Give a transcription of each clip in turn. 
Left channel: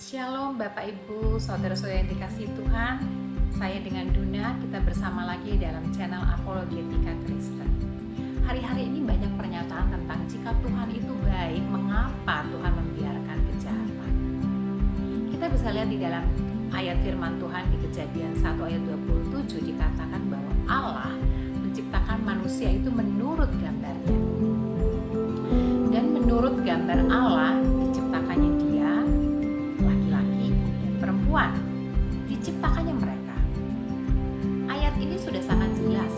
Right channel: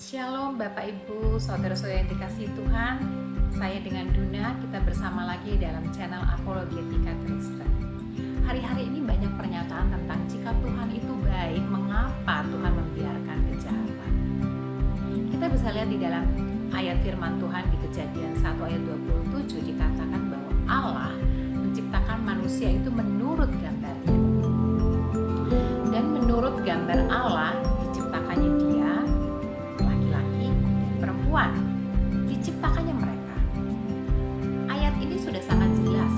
Shalom Bapak Ibu, saudara-saudara yang dikasihi Tuhan. Saya dengan Duna, kita bersama lagi dalam channel Apologetika Kristen. Hari-hari ini banyak pernyataan tentang jika Tuhan itu baik, mengapa Tuhan membiarkan kejahatan. Kita bisa lihat di dalam ayat firman Tuhan di Kejadian 1 ayat 27 dikatakan bahwa Allah menciptakan manusia itu menurut gambarnya. Dan menurut gambar Allah diciptakannya dia, laki-laki dan perempuan, diciptakannya mereka. Ayat ini sudah sangat jelas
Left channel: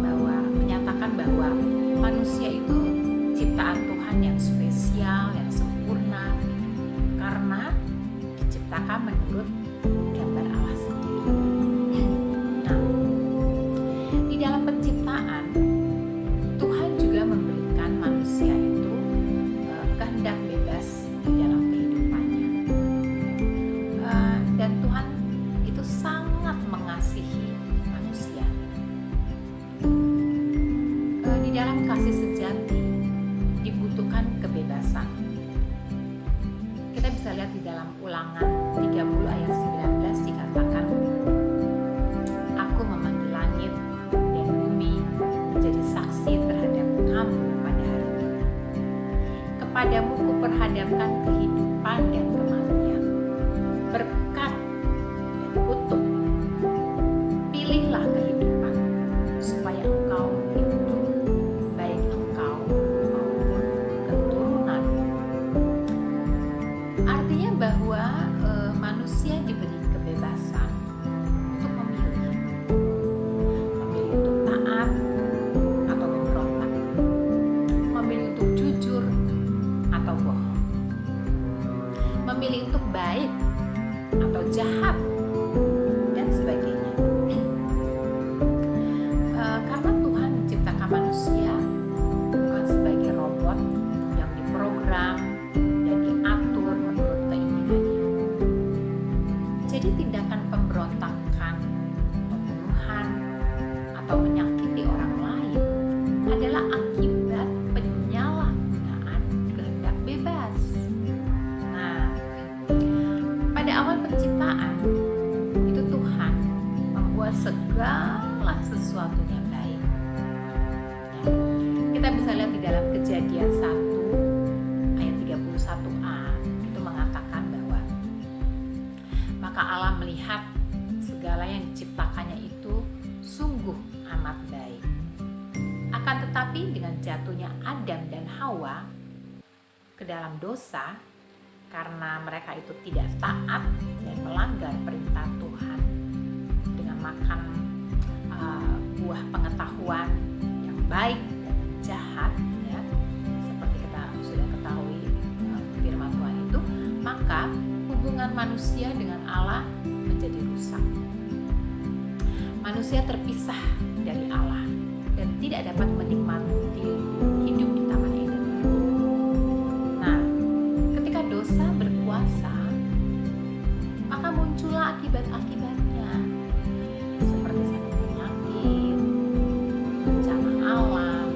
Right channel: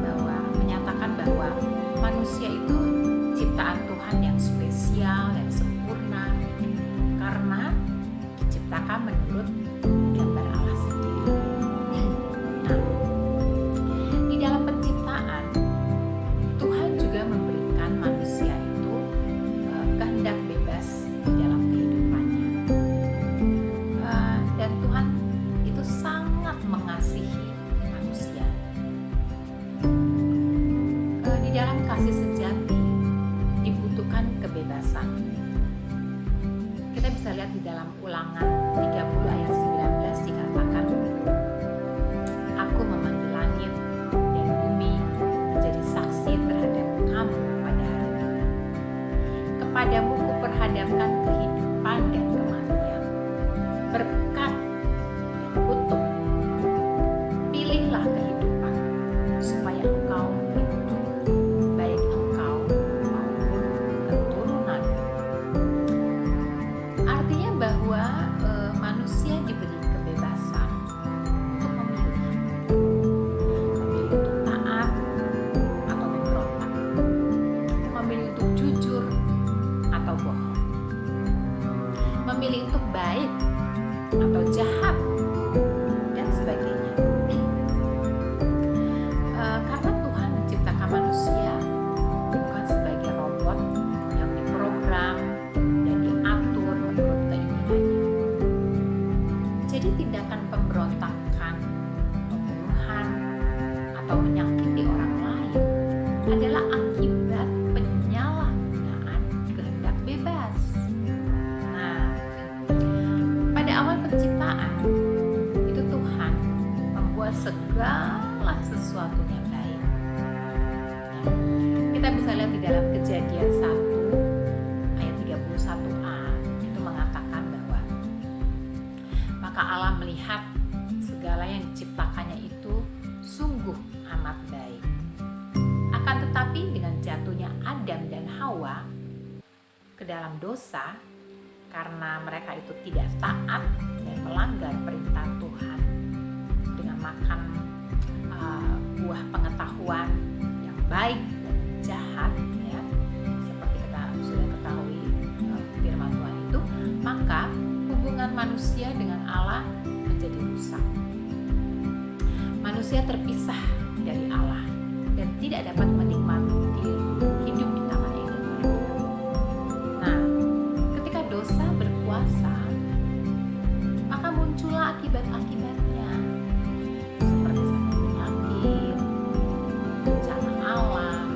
bahwa menyatakan bahwa manusia itu ciptaan Tuhan yang spesial, yang sempurna, karena diciptakan menurut gambar Allah sendiri. Nah, di dalam penciptaan Tuhan juga memberikan manusia itu kehendak bebas di dalam kehidupannya. Dan Tuhan itu sangat mengasihi manusia. Di dalam kasih sejati dibutuhkan kebebasan. Kita bisa lihat di dalam Ulangan 30 ayat 19 dikatakan, Aku memanggil langit dan bumi menjadi saksi terhadap kamu pada hari ini. Kepadamu kuperhadapkan kehidupan dan kematian, berkat dan kutuk. Pilihlah kehidupan supaya engkau hidup, baik engkau maupun keturunan. Artinya bahwa manusia diberi kebebasan untuk memilih untuk taat atau memberontak, memilih untuk jujur atau bohong, memilih untuk baik atau jahat, dan sebagainya. Karena Tuhan menciptakan manusia bukan sebagai robot yang diprogram dan diatur menurut keinginannya. Jadi tindakan pemberontakan, pembunuhan, atau menyakiti orang lain adalah akibat penyalahgunaan kehendak bebas. Nah, pada awal penciptaan itu Tuhan membuat segala sesuatunya baik. Nah, kita bisa lihat di dalam Kejadian 1 ayat 31a itu mengatakan bahwa maka Allah melihat segala yang diciptakannya itu sungguh amat baik. Akan tetapi dengan jatuhnya Adam dan Hawa ke dalam dosa, karena mereka itu tidak taat dan melanggar perintah Tuhan dengan makan buah pengetahuan yang baik dan jahat, ya, seperti kita sudah ketahui firman Tuhan itu, maka hubungan manusia dengan Allah menjadi rusak. Manusia terpisah dari Allah dan tidak dapat menikmati hidup di Taman Eden lagi. Nah, ketika dosa berkuasa, maka muncullah akibat-akibatnya seperti sakit penyakit, bencana alam,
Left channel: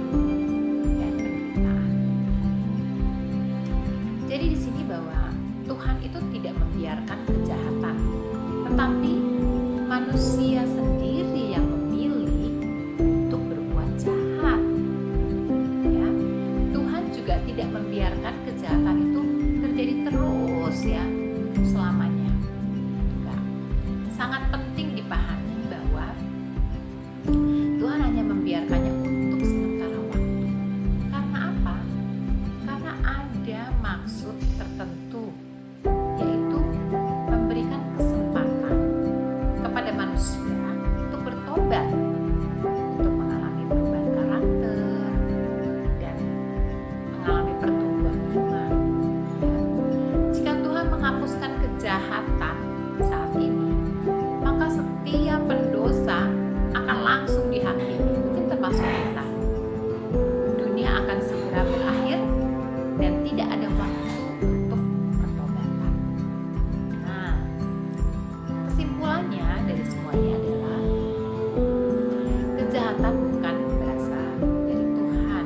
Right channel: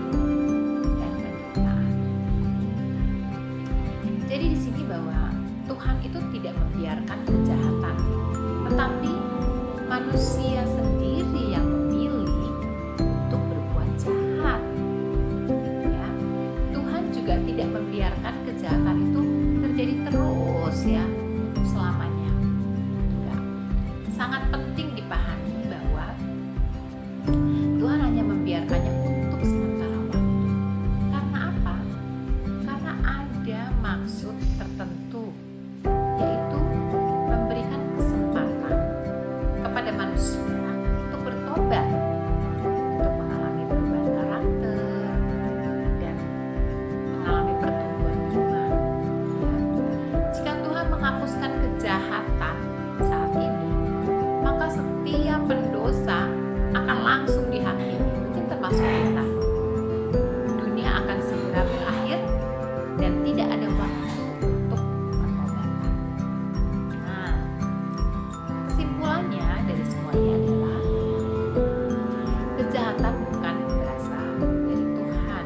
dan penderitaan. Jadi di sini bahwa Tuhan itu tidak membiarkan kejahatan, tetapi manusia sendiri yang memilih untuk berbuat jahat. Ya, Tuhan juga tidak membiarkan kejahatan itu terjadi terus, ya, untuk selamanya. Enggak. Sangat penting dipahami bahwa Tuhan hanya membiarkannya untuk sementara waktu. Karena apa? Karena ada maksud tertentu, yaitu memberikan kesempatan kepada manusia untuk bertobat, untuk mengalami perubahan karakter dan mengalami pertumbuhan iman. Ya. Jika Tuhan menghapuskan kejahatan saat ini, maka setiap pendosa akan langsung dihakimi, mungkin termasuk kita. Dunia akan segera berakhir dan tidak ada waktu untuk pertobatan. Nah, kesimpulannya dari semuanya adalah kejahatan bukan berasal dari Tuhan,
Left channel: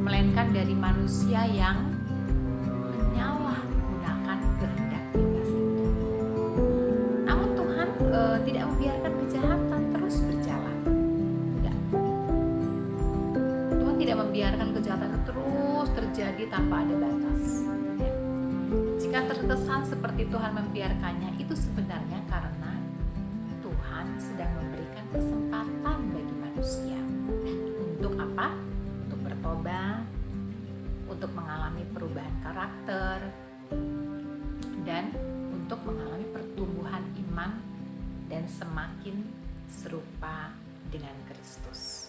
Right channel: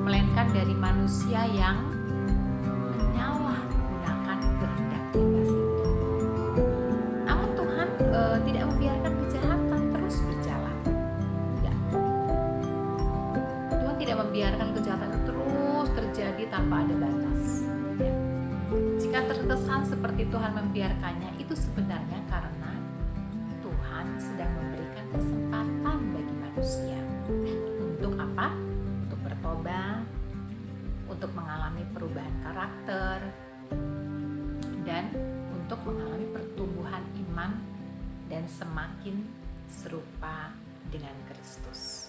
melainkan dari manusia yang menyalahgunakan kehendak Tuhan tidak membiarkan kejahatan terus berjalan. Tidak. Tuhan tidak membiarkan kejahatan itu terus terjadi tanpa ada batas. Ya. Jika terkesan seperti Tuhan membiarkannya, itu sebenarnya karena Tuhan sedang memberikan kesempatan bagi manusia. Untuk apa? Untuk bertobat, untuk mengalami perubahan karakter, dan untuk mengalami pertumbuhan iman dan semakin serupa dengan Kristus.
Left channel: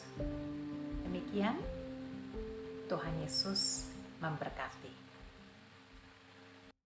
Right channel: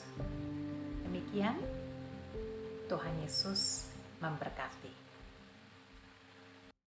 Demikian, Tuhan Yesus memberkati.